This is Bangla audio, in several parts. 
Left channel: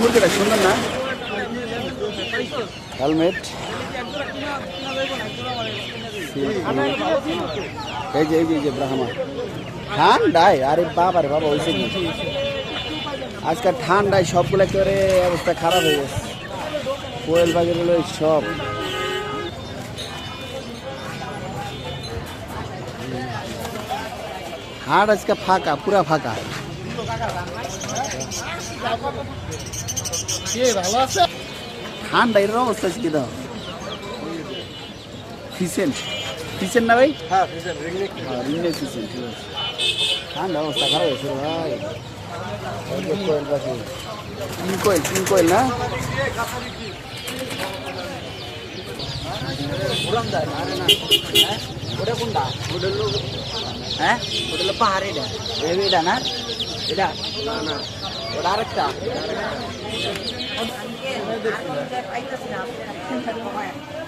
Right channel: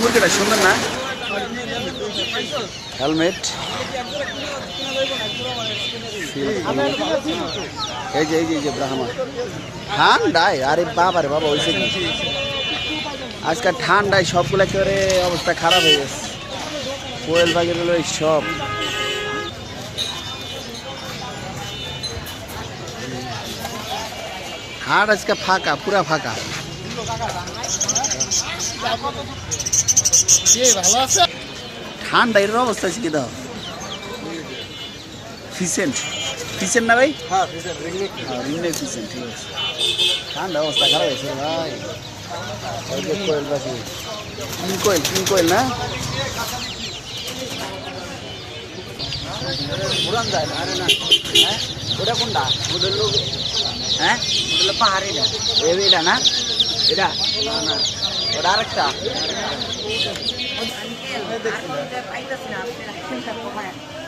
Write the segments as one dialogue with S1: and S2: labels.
S1: মুরগিটা না? হেলমেট এই যে এই যে এই যে, ব্রাহ্মা। ঠান্ডায়, আরে বাবা রে, বাবা হয়েছে কি? আজকাল ঠান্ডায় সবগুলো করে অবস্থা খারাপ হয়ে গেছে? কোয়েল হলো এই সব। হাট আজকে ফাঁকা, পুরা ফাঁকা। ঠান্ডা এর অবস্থা আছে কি দাও? ফিসেন্ট। ফিসেন্ট না ভাই?
S2: হ্যাঁ
S1: হ্যাঁ রিমনে ফিসেন্ট ঠিক আছে। ঠান্ডা অবস্থা খারাপ হয়েছে ভাই। কোয়েল পাখি। তিন কোয়েল তিন কোয়েল না?
S2: পুরান যায় আরে না। ওটা কোনটা? ওটা
S1: হ্যাঁ?
S2: ওটা হলো
S1: এটা। না?
S2: এটা? ওটা আরেকটা।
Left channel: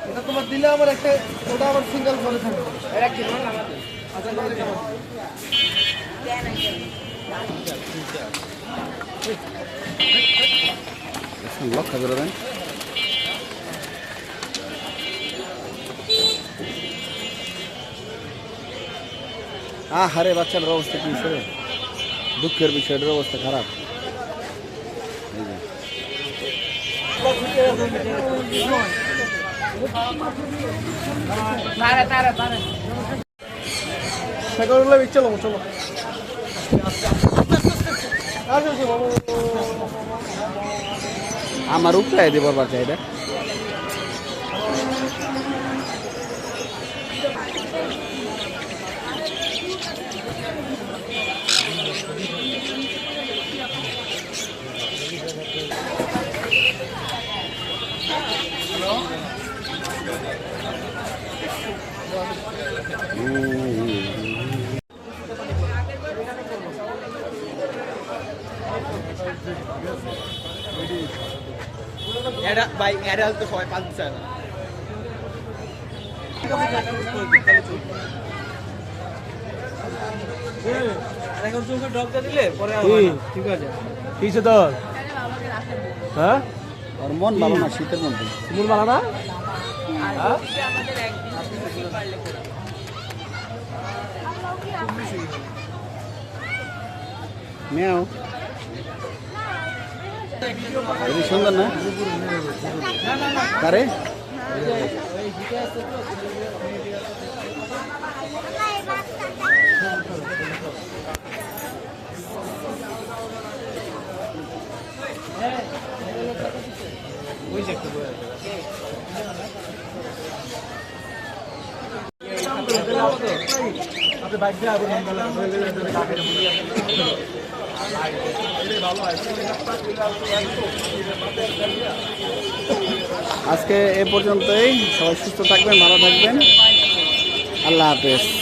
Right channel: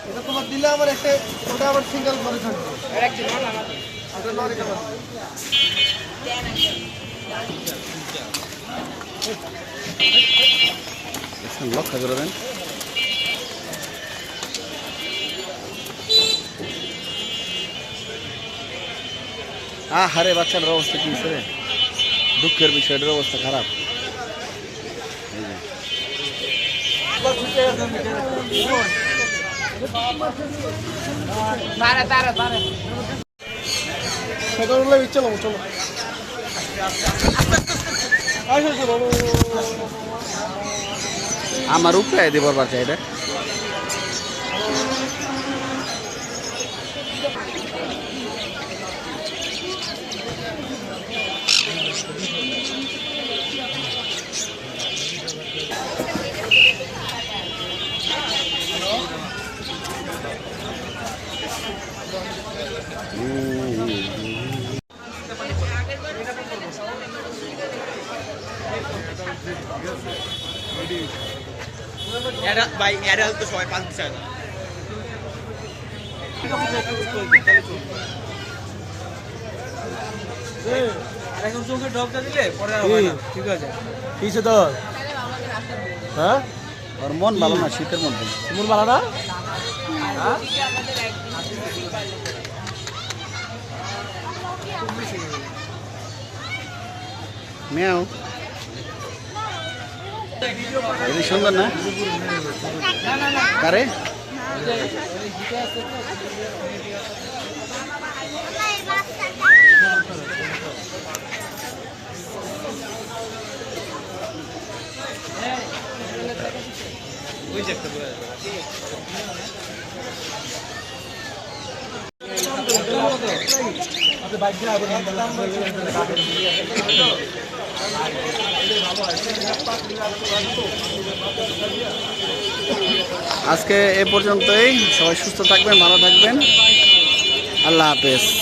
S2: এটা তোমার দিলে আমার একটা ওটা আবার সিঙ্গেল করে থাকবে।
S1: লক্ষ্য করে দেন আ হারে অবস্থা কি করে? দুঃখের বিষয় এটার অবস্থা খারাপ।
S2: চলো চলো
S1: আমার উপরে দেবার বাচ্চা এটা
S2: ভাই এরা তো সবাই চায় না। আর এখন চোখে ডবটা দিলে পরে আর হবে ঠিক আছে। হ্যাঁ?
S1: ওর মন ভালো না শীতের মধ্যে।
S2: মারা না হ্যাঁ?
S1: মেয়াও এটা সুন্দর না কারে।
S2: আপনি বাইক দিয়ে আগুন
S1: আজকে এ পর্যন্তই। সবাই সুস্থ থাকবেন ভালো থাকবেন। আল্লাহ হাফেজ।